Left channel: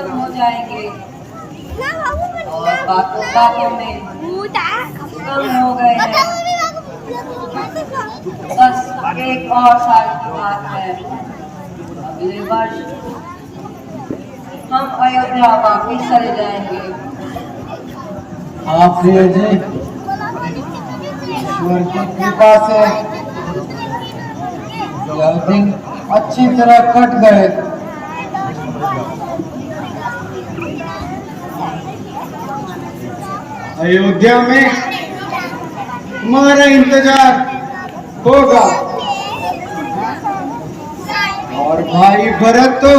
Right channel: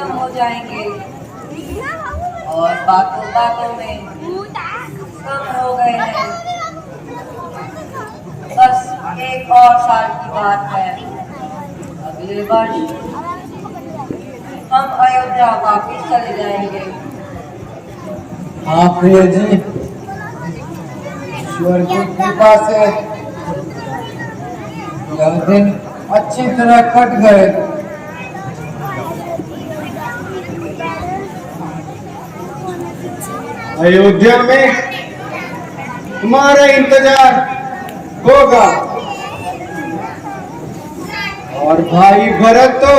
खत्म हो जाएंगे और बातों बातों में कम हो गए हैं। बस 1 और साल की बात है। अगले वर्ष हम अयोध्या वापिस चले जाएंगे। हाँ प्रिय जी, ईश्वर की कृपा से यह दिन अच्छी तरह कट गए। अयोध्या में तुम्हारा इंतजार होगा और भाई भरत तो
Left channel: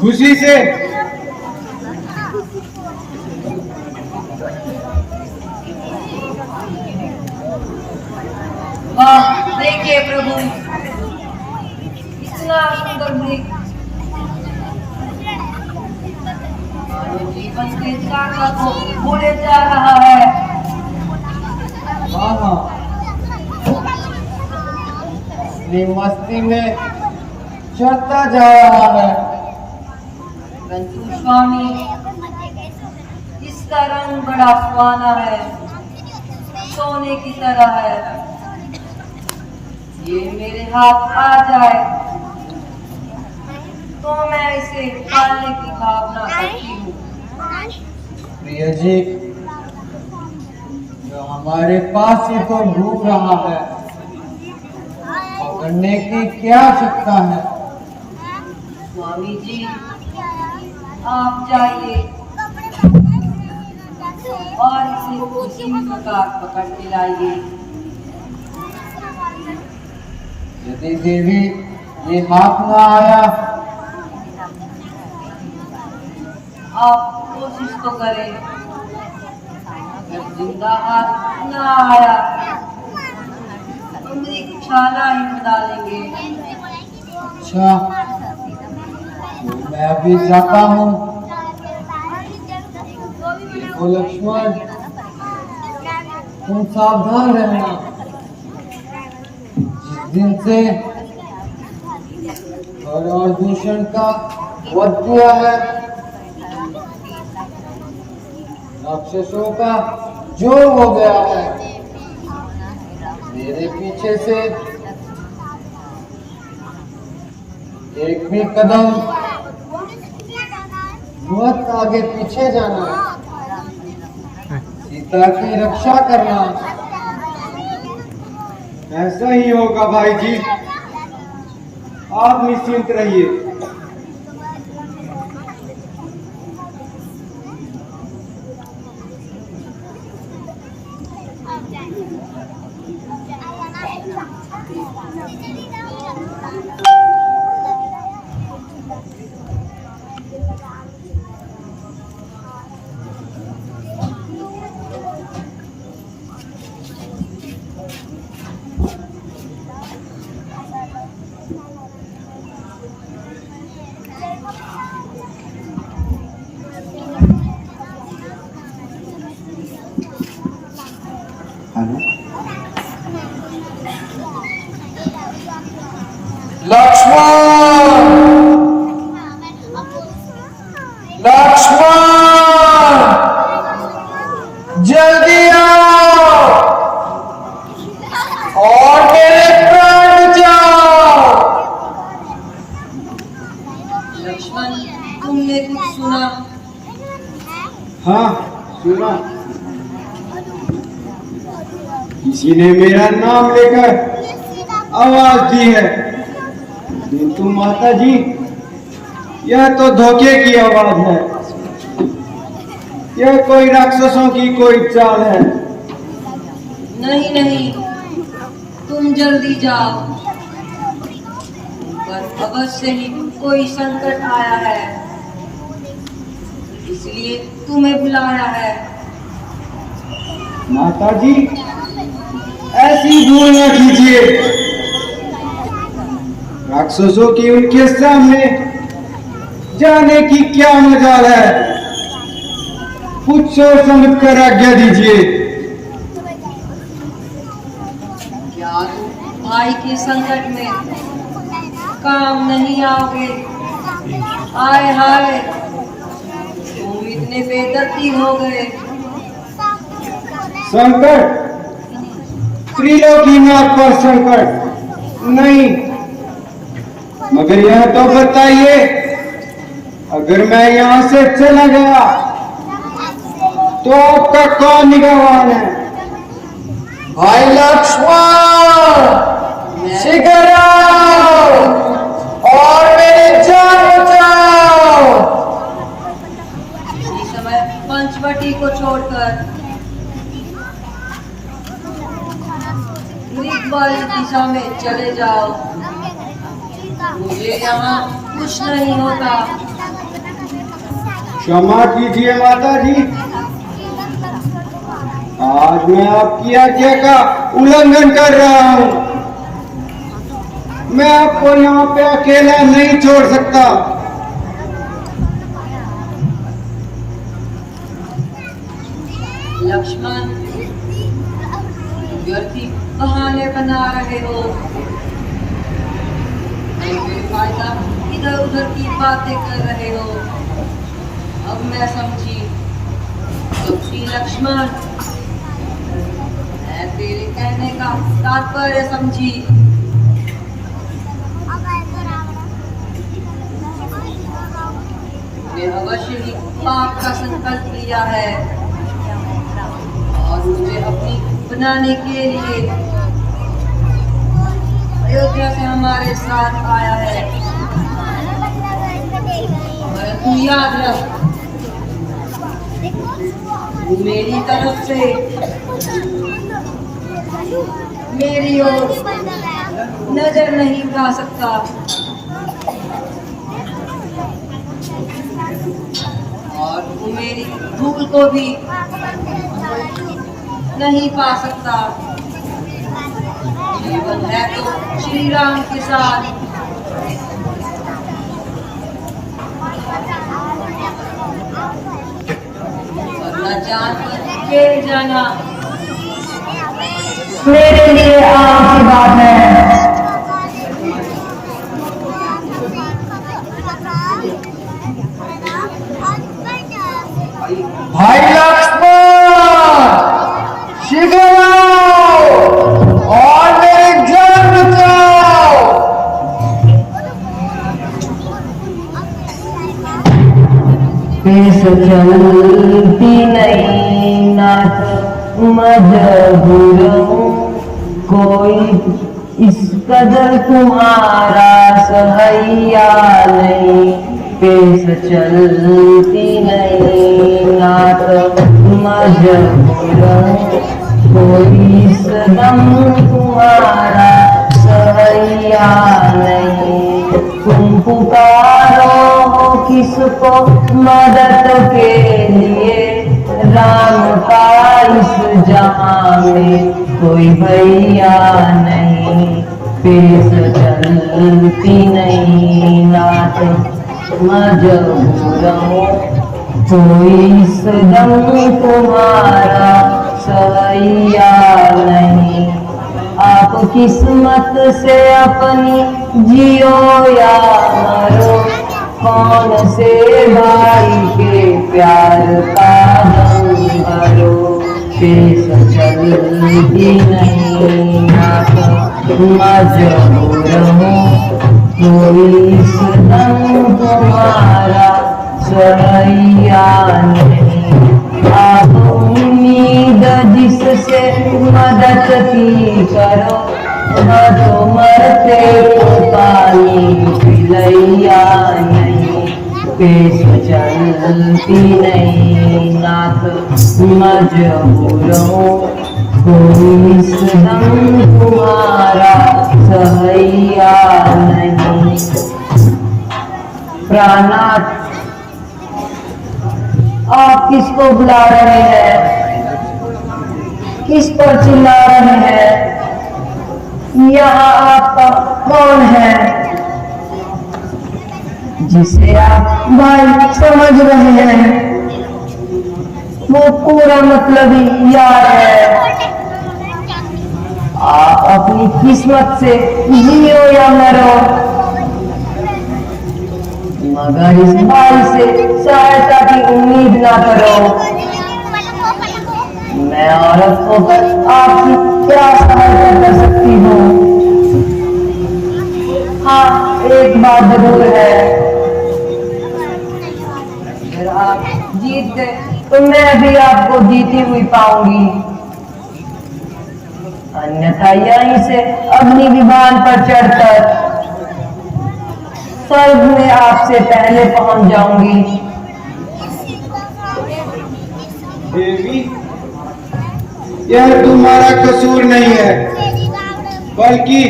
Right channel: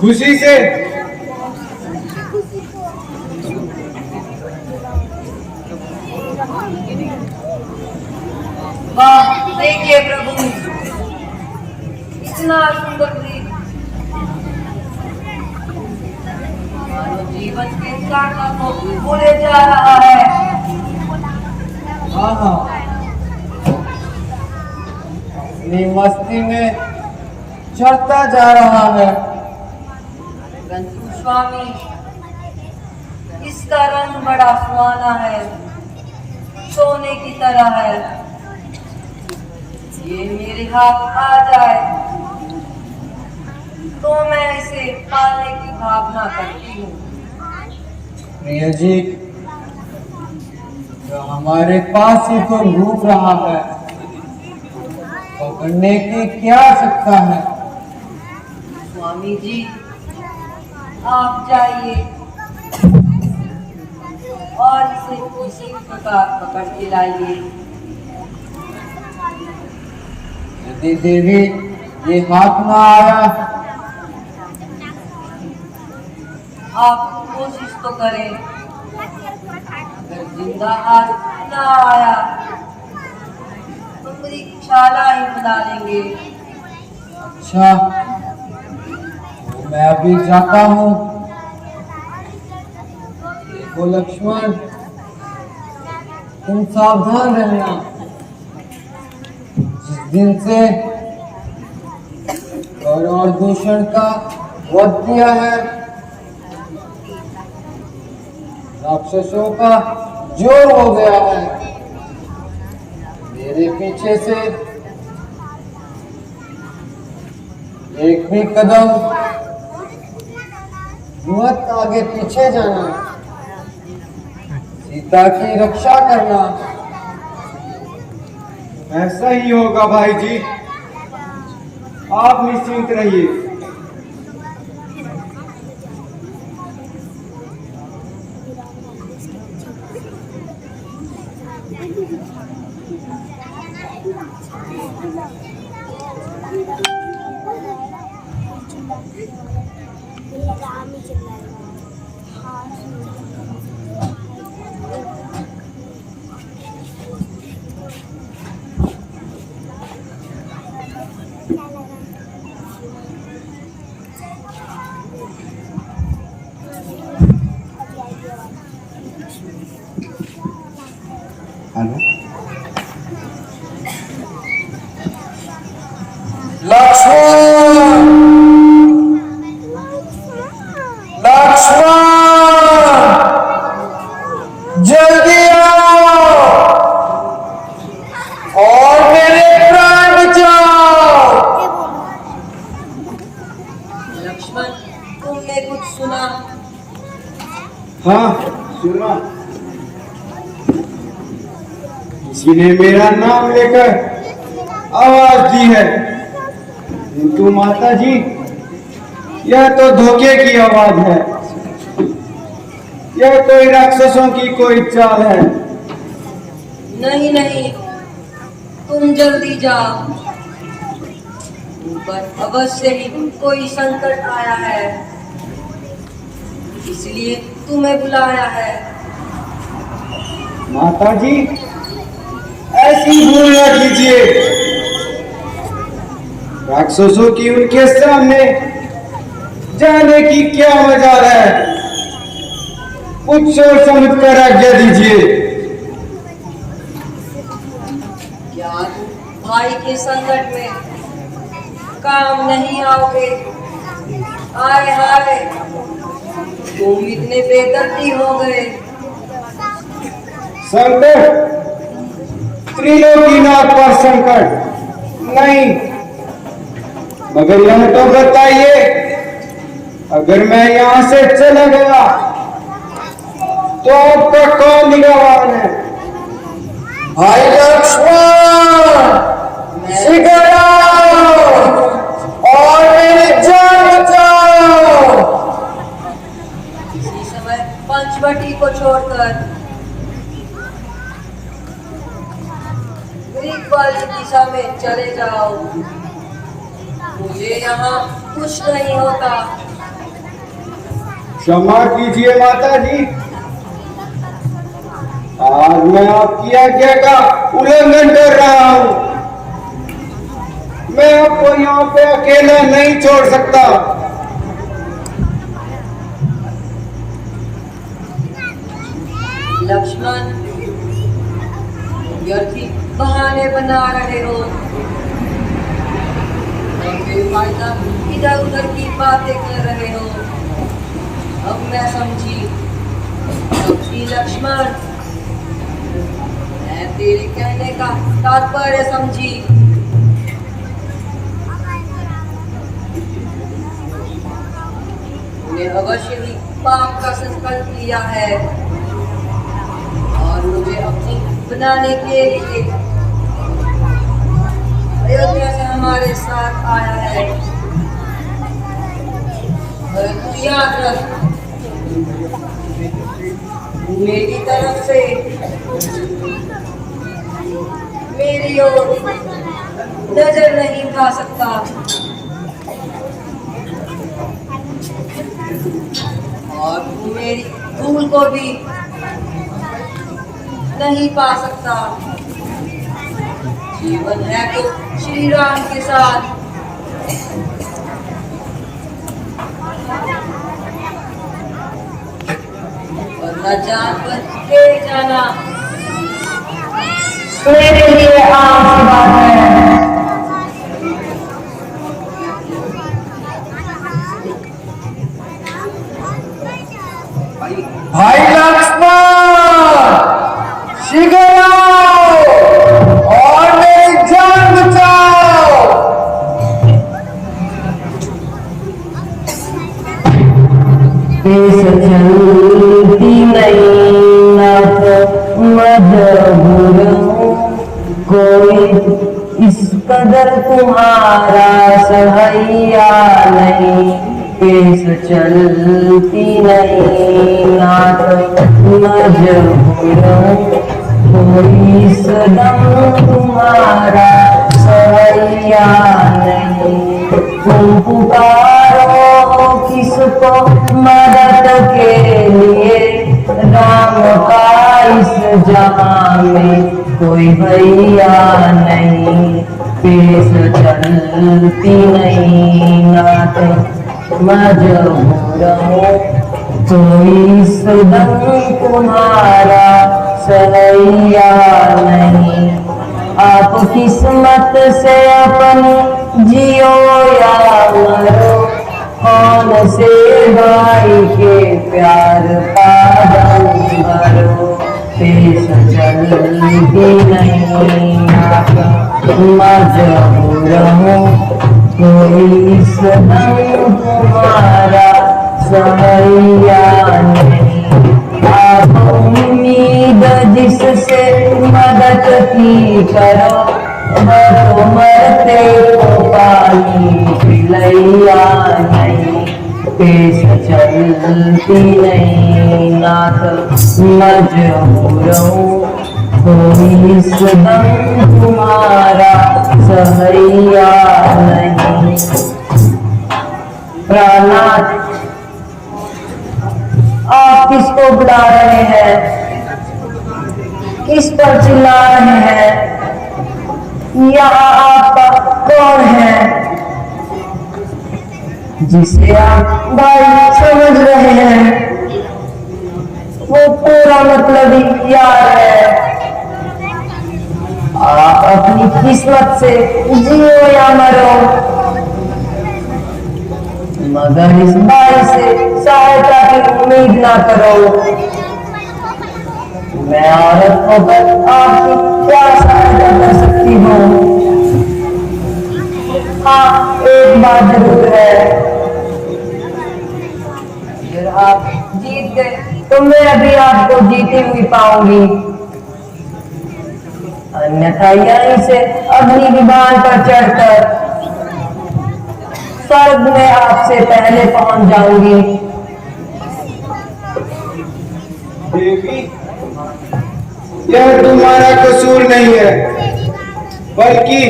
खुशी से वाह, देखिए प्रभु, इतना सुंदर दृश्य मानो जीवन के सागर को भूले जा रहा है। हाँ हाँ, अपनी मस्ती में चढ़ता जा रहा है। परंतु स्वामी, इसका रंग बड़ा सुहाना है, सोने की तरह है। ये मेरे हाथ आ जाए तो मैं इसे पालने की भावना करती हूँ। प्रिय जी, जो हमारे पास ही तो घूम रहा है, पकड़ने की क्या आवश्यकता है। स्वामी जी, आप जाइए और इसे किसी भी प्रकार पकड़ के लाइए। यदि देवी ये हाथ न आया, आप कोशिश तो करें। अगर जिंदा आज न आया तो मृगशाला ही बना लेंगे। अच्छा, तो मैं अभी जाता हूँ। देखो लक्ष्मण, तुम सावधान रहना। जिस दिन से और दूषण का वध किया है, राक्षसों का जोर हो गया है। मेरे पीछे से एक भी कदम मत आगे पीछे जाना। सीता की रक्षा करना। ऐसा ही होगा भाई जी, आप निश्चिंत रहिए। हेलो लक्ष्मण, लक्ष्मण, जल्दी आओ और मेरे प्राण बचाओ। लक्ष्मण, तुमने कुछ सुना? हाँ सुना, किसी ने मेरा नाम लेकर आवाज दी है, किंतु माता जी यह तो धोखे की आवाज है। यह कोई राक्षसों की कोई चाल है। नहीं नहीं, तुम जल्दी जाओ, पर अवश्य ही कोई संकट आया है, इसलिए तुम्हें बुलाया है। माता जी ऐसी भूल न कीजिए। राक्षसों की उनके सामने जाने की क्या मजाल है। कुछ सोच समझ कर आज्ञा दीजिए। क्या तुम भाई के संकट में काम नहीं आओगे। आय हाय, तुम इतने बेदर्दी हो गए। संकट, त्रिलोकीनाथ पर संकट नहीं, मगर यह तो बताइए, अगर मैं यहाँ से चला गया तो आपका कौन निगरान है? भाई लक्ष्मण, शीघ्र आओ और मेरी जान बचाओ। इसी समय पंचवटी को छोड़कर ग्रीक वाली दिशा में चले जाओ। मुझे यहाँ कुछ नहीं होता। क्षमा कीजिए माता जी, आज मैं आपकी आज्ञा का उल्लंघन कर रहा हूँ। मैं आपको यहाँ पे अकेला नहीं छोड़ सकता। लक्ष्मण, व्यर्थी बहाने बना रहे हो और बेफायदा इधर उधर की बातें कर रहे हो। अब मैं समझी लक्ष्मण, मैं तेरे कहने का तात्पर्य समझी। तूने अवश्य ही पाप का संकल्प लिया है और मुझे अपनी बनाने के लिए अयोध्या से हमारे साथ आया है। परंतु याद रख, मेरी तरफ से मेरी ओर नजर नहीं उठा सकता और तू मेरी धूल को भी नहीं पा सकता। जीवन है तो श्री राम के साथ। वरना जान पर खेल जाना मेरे लिए आम सी बात है। भाई लक्ष्मण, शीघ्र आओ और मेरी जान बचाओ। पेश चलती नहीं नाथ मजबूर हूँ, कोई इस कदर तुम्हारा सहाया नहीं। पेश चलती नहीं नाथ मजबूर हूँ, कोई इस दम तुम्हारा सहाया नहीं। तुम पुकारो किसको मदद के लिए, राम का इस जहां में कोई भैया नहीं। पेश चलती नहीं नाथ मजबूर हूँ, कोई इस दम तुम्हारा सहाया नहीं। आप किस्मत से अपनी जियो या मरो, कौन से भाई के प्यार का दम भरो। पेश चलती नहीं मजबूर हूँ, कोई इस दम तुम्हारा सहाया नहीं। आप उम्मीद जिससे मदद की करो, तो मरते तो पानी पिलैया नहीं। पेश चलती नहीं नाथ मजबूर हूँ, कोई इस दम तुम्हारा सहाया नहीं। प्राणनाथ, आप किसको बुला रहे हैं? किस पर चिल्ला रहे हैं? यहाँ आपका कौन है जिसे आप भाई समझ रहे हैं? वो पूरा मतलब ही याद है। आप अपनी किस्मत से जियो या मरो, मगर इस बाई से सहायता की उम्मीद ना करो। मैं औरत होकर आपकी क्या सहायता कर सकती हूँ? हाँ, एक बात जरूर है, अगर आप जीत गए तो मैं भी आपको जीती हुई पाऊंगी, अन्यथा यहीं से अग्नि विमान पर चढ़कर स्वर्ग में आपसे पहले पहुंच जाऊंगी। देवी, यह तुम्हारा कसूर नहीं है, बल्कि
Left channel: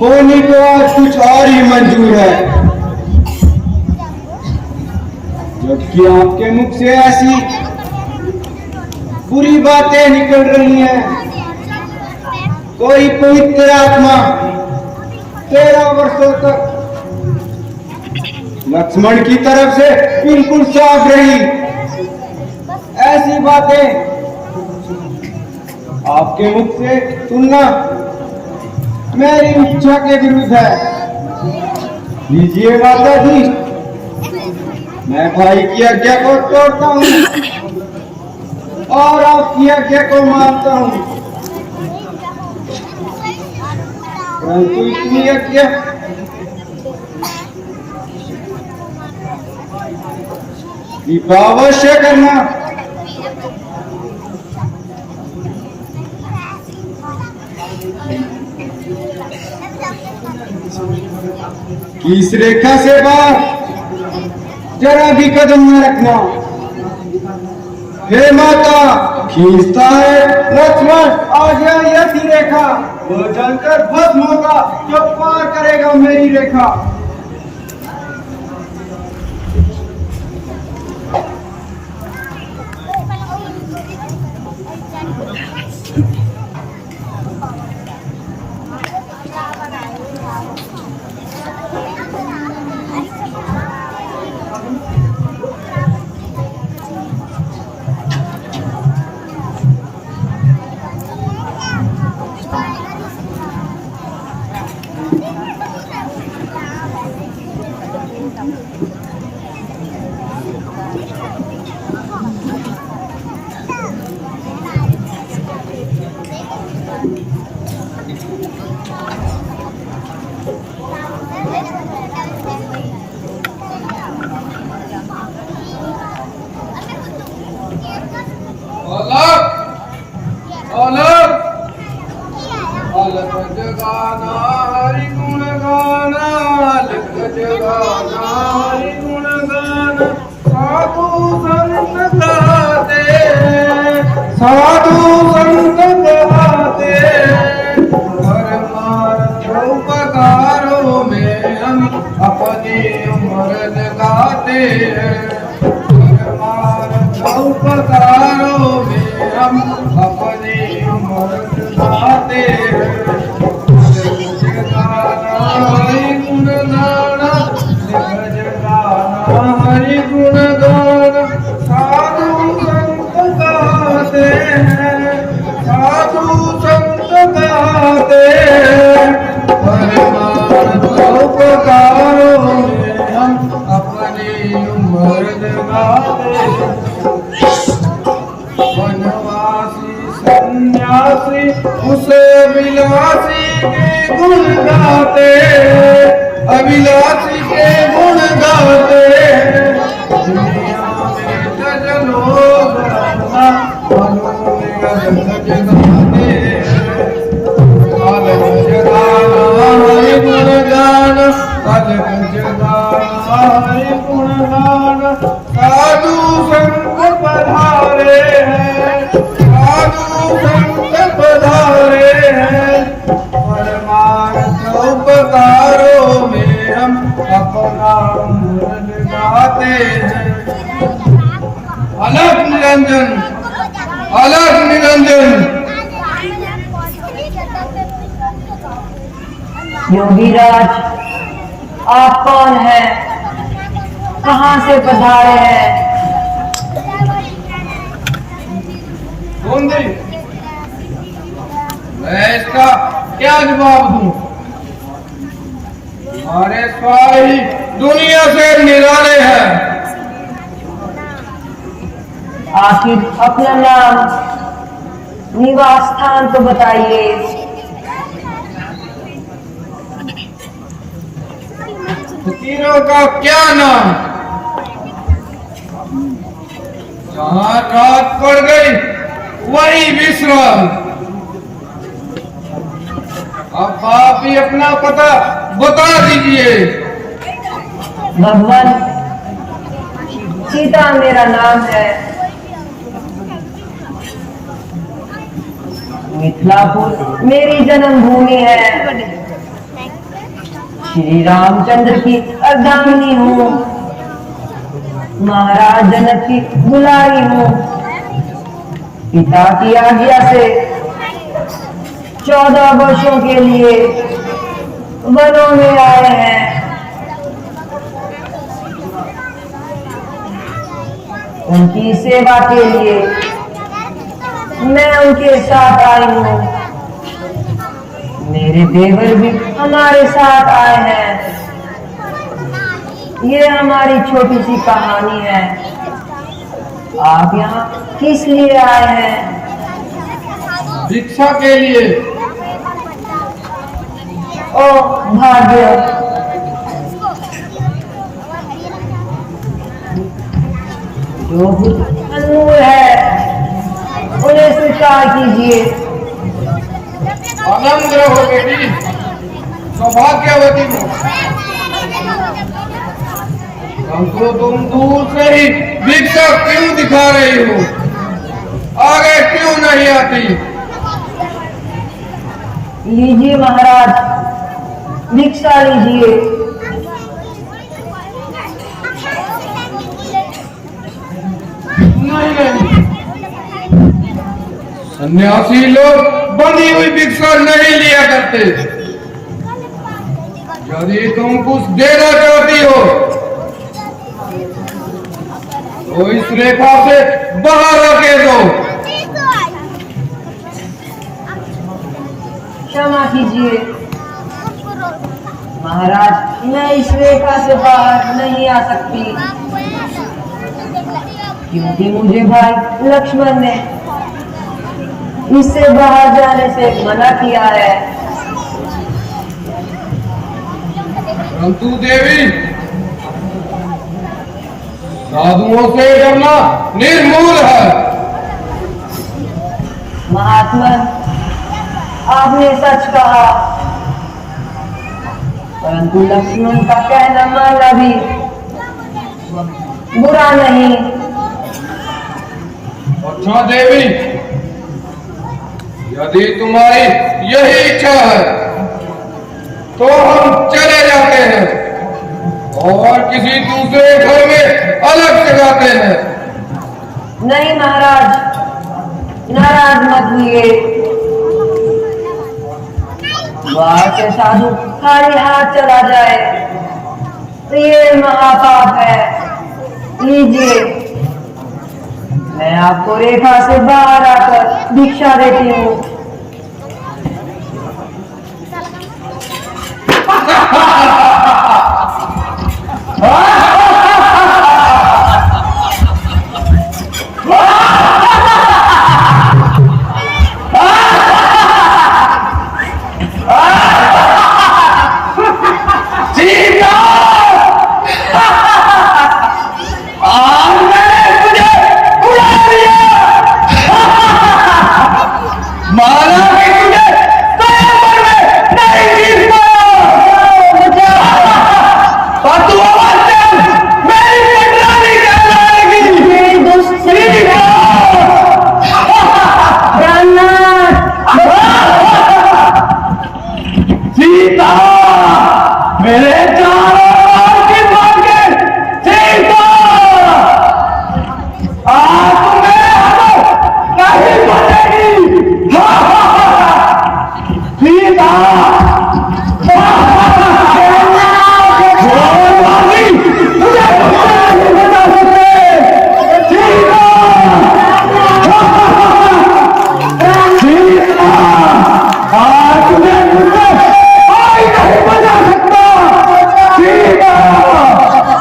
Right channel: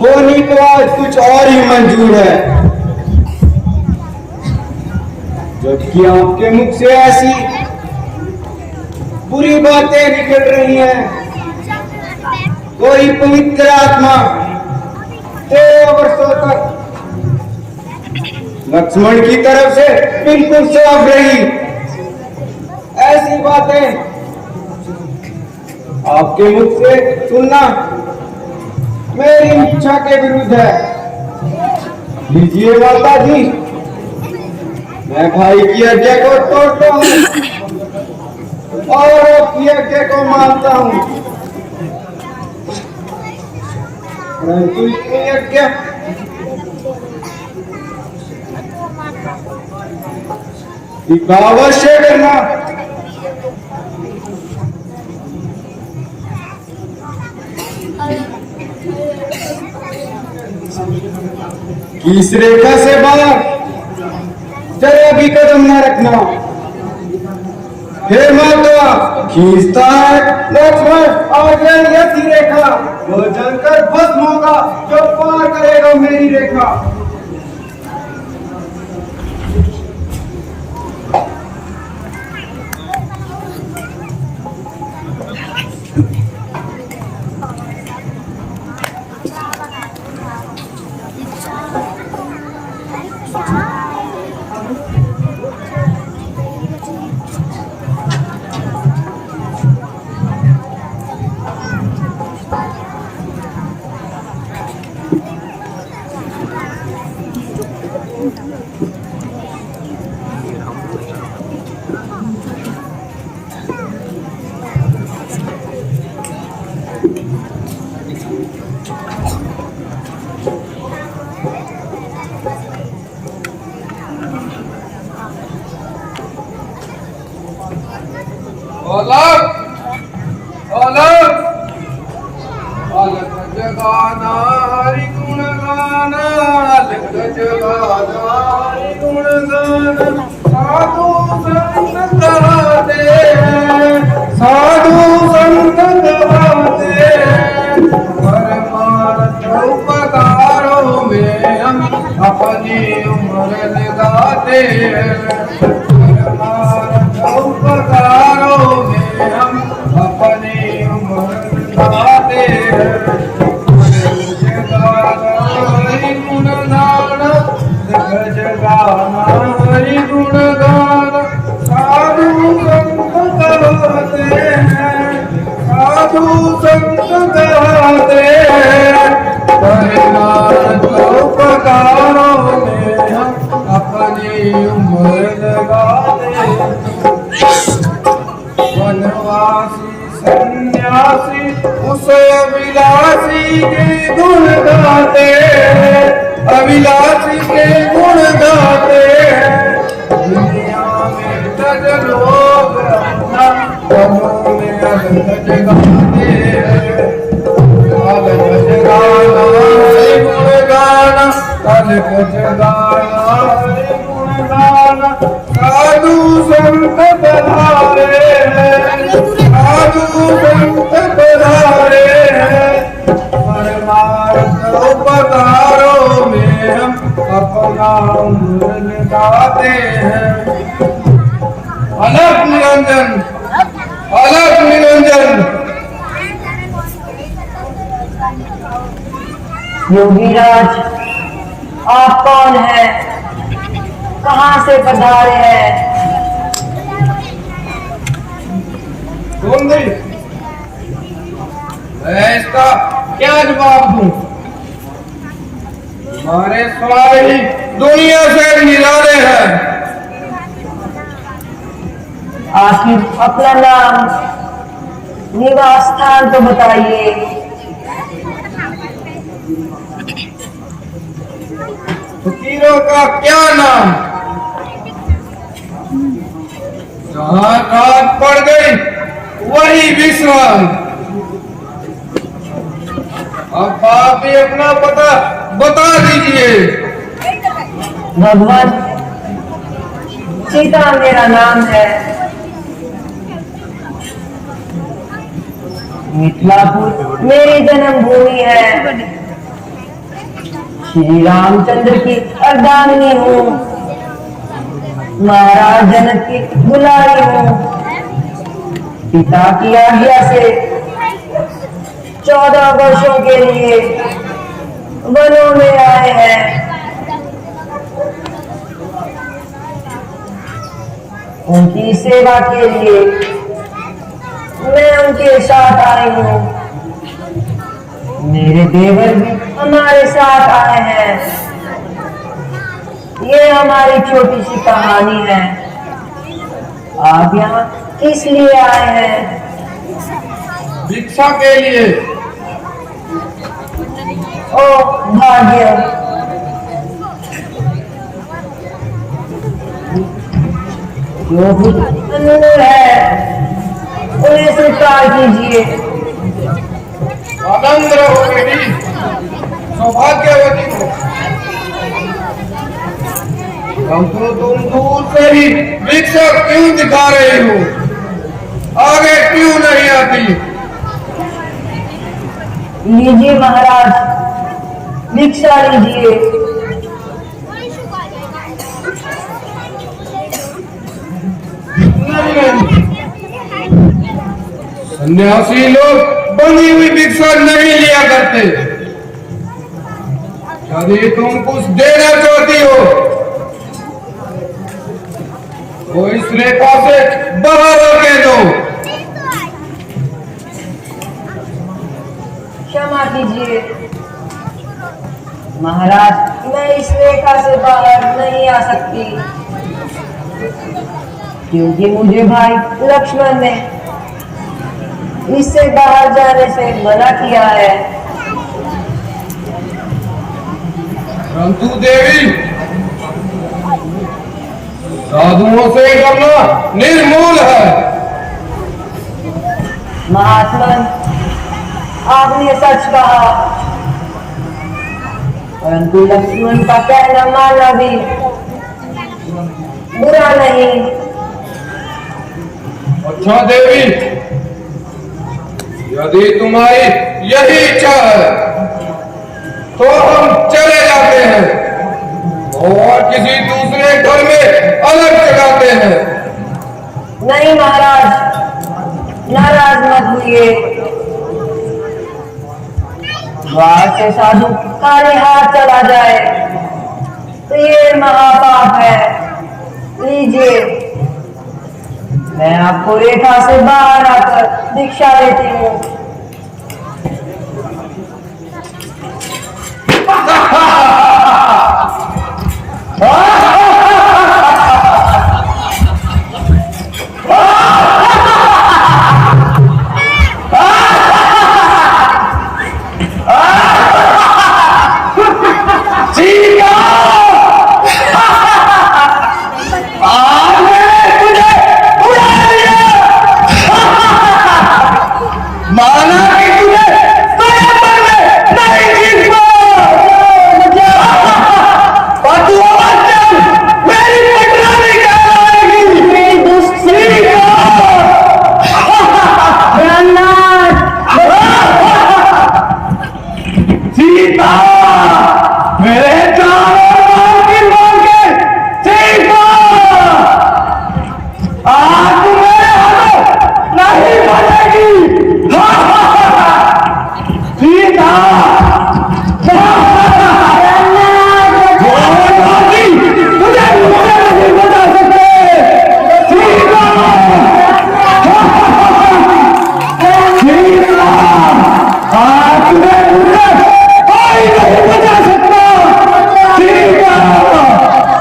होने को आज कुछ और ही मंजूर है। जबकि आपके मुख से ऐसी बुरी बातें निकल रही हैं, कोई पवित्र आत्मा 13 वर्षों तक लक्ष्मण की तरफ से बिल्कुल साफ रही। ऐसी बातें आपके मुख से सुनना मेरी इच्छा के विरुद्ध है। लीजिए माता जी, मैं भाई की आज्ञा को तोड़ता हूँ और आपकी आज्ञा को मानता हूँ, परंतु इतनी आज्ञा अवश्य करना। कि इस रेखा से बाहर जरा भी कदम न रखना। हे माता, खींचता है लक्ष्मण, आज यही रेखा वो जलकर भस्म होगा जो पार करेगा मेरी रेखा। अलग जगाना हरि गुण गाना, अलग जगाना हरि गुण गाना। साधु संत गाते हैं, साधु संत गाते हैं, परमार्थ उपकारों में हम अपनी उम्र लगाते हैं। परमार्थ उपकारों में हम अपनी उम्र लगाते हैं। हरि गुण गाना, जगाना हरि गुण गाना। साधु संत गाते हैं, साधु संत गाते हैं, परमार्थ उपकारों में हम अपनी उम्र लगाते हैं। वनवासी सन्यासी उसे विलासी के गुण गाते हैं, अविलासी के गुण गाते हैं। दुनिया में तज लोग अपना अमूल्य अलग जगाते हैं। अलग जगाना हरि गुण गाना, अलग जगाना हरि गुण गाना। साधु संत पधारे हैं, साधु संत पधारे हैं, परमार्थ उपकारों में हम अपना उम्र लगाते हैं। अलग निरंजन, अलग निरंजन। योगीराज, आप कौन है? कहाँ से पधारे हैं? मैं इसका क्या जवाब दूं? हमारे स्वामी दुनिया से निराले हैं। आखिर अपना नाम, निवास स्थान तो बताइए। फकीरों का क्या नाम? जहाँ रात पड़ गई वही विश्राम। अब आप भी अपना पता बता दीजिए। भगवान, सीता मेरा नाम है। मिथिलापुर मेरी जन्मभूमि है। श्री रामचंद्र की अर्धांगिनी हूँ। महाराज जनक की दुलारी हूँ। पिता की आज्ञा से 14 वर्षों के लिए वनों में आए हैं। उनकी सेवा के लिए मैं उनके साथ आई हूँ। मेरे देवर भी हमारे साथ आए हैं। ये हमारी छोटी सी कहानी है। आप यहाँ किस लिए आए हैं? भिक्षा के लिए। ओ भाग्य, जो कुछ अनमोल है उन्हें स्वीकार कीजिए। आनंद रहो बेटी, सौभाग्यवती हो। हमको तुम दूर से ही भिक्षा क्यों दिखा रही हो? आगे क्यों नहीं आती? लीजिए महाराज, भिक्षा लीजिए। नहीं नहीं, सन्यासी लोग बनी हुई भिक्षा नहीं लिया करते। यदि तुम कुछ देना चाहती हो तो इस रेखा से बाहर आके दो। क्षमा कीजिए महाराज, मैं इस रेखा से बाहर नहीं आ सकती, क्योंकि मुझे भाई लक्ष्मण ने इससे बाहर जाने से मना किया है। परंतु देवी, साधुओं से डरना निर्मूल है। महात्मा, आपने सच कहा, परंतु लक्ष्मण का कहना मानना भी बुरा नहीं। अच्छा देवी, यदि तुम्हारी यही इच्छा है तो हम चले जाते हैं और किसी दूसरे घर में अलग जगाते हैं। नहीं महाराज, नाराज मत हुए। बाहर से साधु खाली हाथ चला जाए तो ये महापाप है। लीजिए, मैं आपको रेखा से बाहर आकर भिक्षा देती हूँ। माँ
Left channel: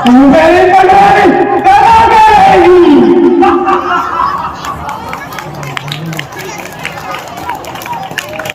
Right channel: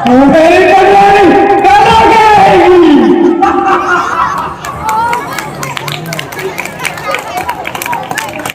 वेरी